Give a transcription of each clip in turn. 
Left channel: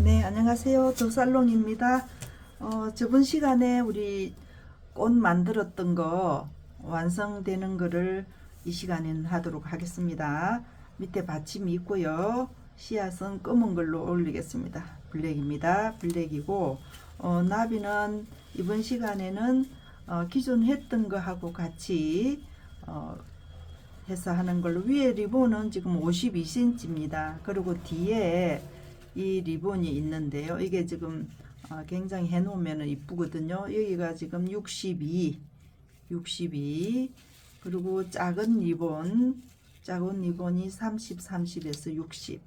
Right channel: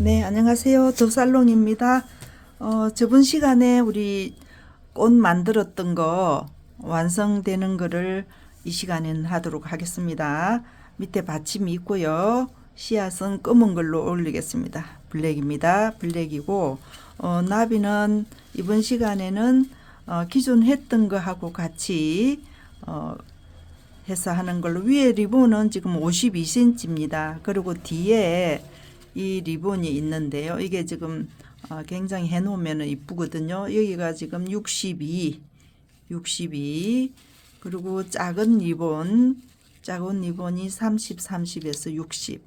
네, 안녕하세요. 더살롱입니다. 저번 시간에 우리 꽃 만들었던 거 완성되는 거를 이 시간에는 하도록 하겠습니다. 밑에 받침이 있고요. 씨앗은 검은 걸로 올리겠습니다. 블랙입니다. 블랙이고 나비는 이번 시간에는 기존 했던 거하고 같이 해서 하는 걸로, 위에 리본은 지금 52cm입니다. 그리고 뒤에 이 리본이 있는데요. 이게 지금 굉장히 해놓으면 이쁘거든요. 여기가 지금 62, 그리고 작은 리본이 30, 30에서 60.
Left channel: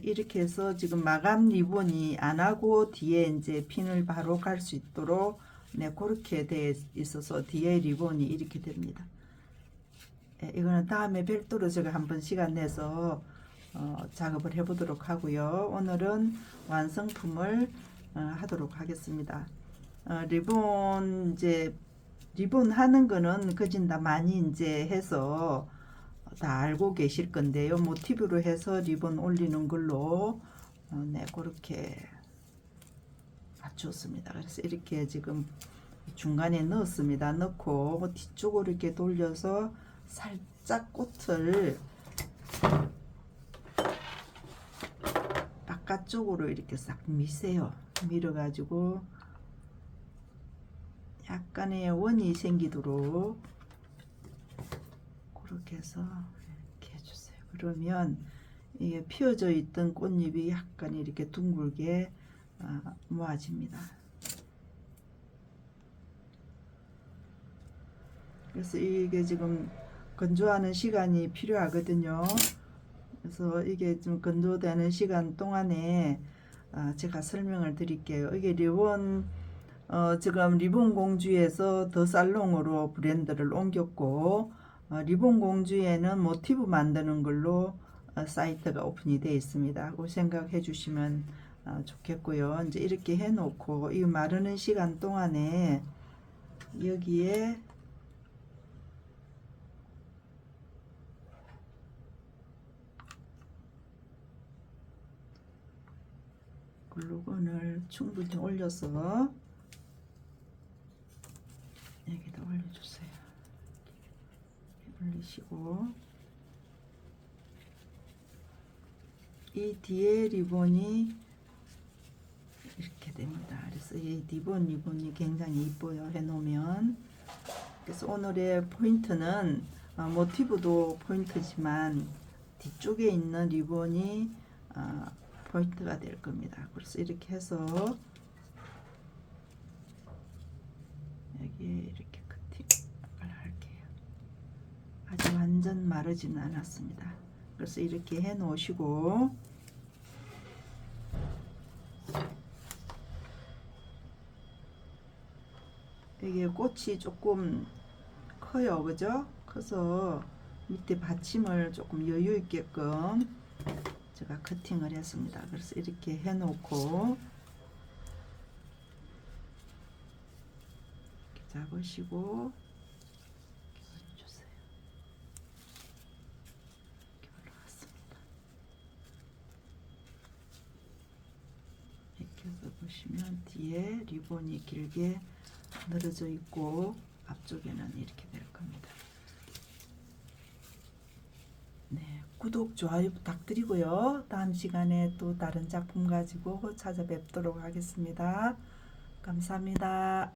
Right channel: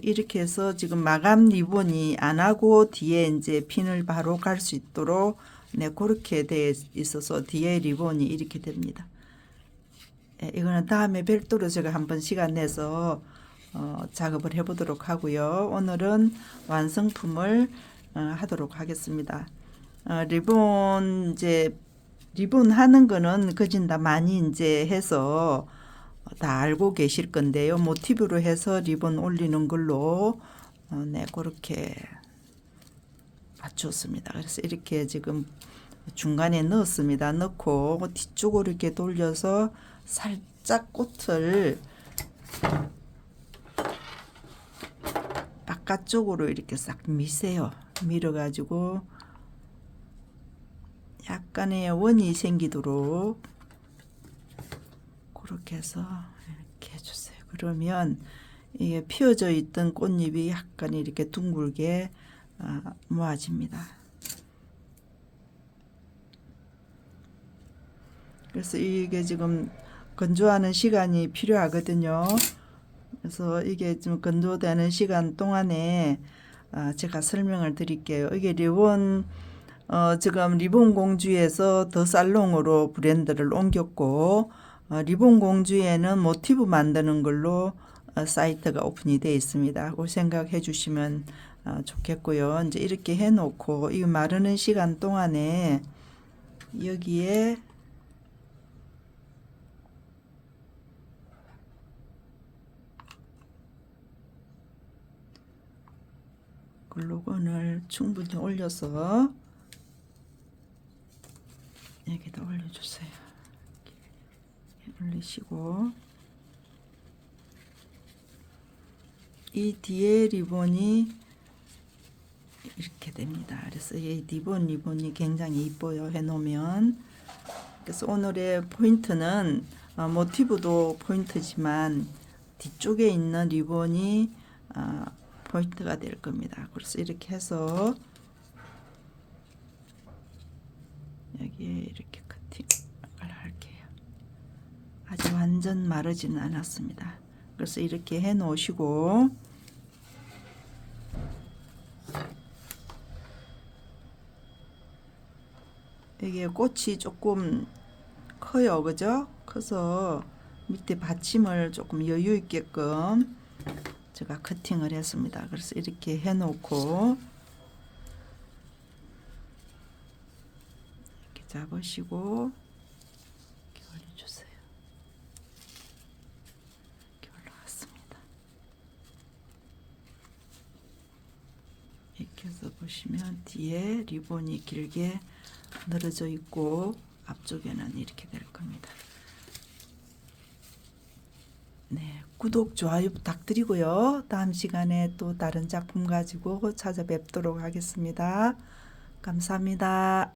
이렇게 해서 지금 마감 리본이 안 하고 뒤에 이제 핀을 바로 갈 수 있도록 그렇게 돼 있어서 뒤에 리본이 이렇게 됩니다. 이거는 다음에 별도로 제가 한번 시간 내서 작업을 해보도록 하고요. 오늘은 완성품을 하도록 하겠습니다. 리본 하는 거는 거진 다 많이 이제 해서 다 알고 계실 건데요. 모티브로 해서 리본 올리는 걸로 그렇게 맞췄습니다. 그래서 이렇게 지금 중간에 넣었습니다. 넣고 뒤쪽으로 이렇게 돌려서 살짝 꽃을 바깥쪽으로 이렇게 싹 미세요. 밀어가지고 약간의 원이 생기도록 그렇게 해서 이렇게 해주세요. 그러면 이게 피어져 있던 꽃잎이 약간 이렇게 둥글게 모아집니다. 그래서 이게 지금 건조하는 시간이 필요하거든요. 그래서 이게 좀 건조되는 시간 동안에 제가 설명을 드릴게요. 이게 리본 지금 리본 공주에서 더 살롱으로 브랜드를 옮겼고, 리본 공주에는 모티브 만드는 걸로 사이트가 오픈이 되어 있습니다. 그 생각해 주시면 좋겠고요. 이제 이렇게 해놓고 이 마르는 시간 동안에 여기에 글루건을 충분히 올려서 여기다 올려주세요. 올리시고 이 뒤에 리본이 이렇게 됩니다. 그래서 이 리본이 굉장히 이뻐요. 해놓으면. 그래서 오늘의 포인트는 모티브도 포인트지만 뒤쪽에 있는 리본이 포인트가 될 겁니다. 그래서 이렇게 해서 여기에 이렇게 커팅을 할게요. 아주 완전 마르지는 않았습니다. 그래서 이렇게 해 놓으시고 이게 꽃이 조금 커요. 그죠? 커서 밑에 받침을 조금 여유 있게끔 제가 커팅을 했습니다. 그래서 이렇게 해 놓고 이렇게 잡으시고 이렇게 올려주세요. 이렇게 올라왔습니다. 이렇게 해서 보시면 뒤에 리본이 길게 늘어져 있고 앞쪽에는 이렇게 될 겁니다. 네, 구독, 좋아요 부탁드리고요. 다음 시간에 또 다른 작품 가지고 찾아뵙도록 하겠습니다. 감사합니다.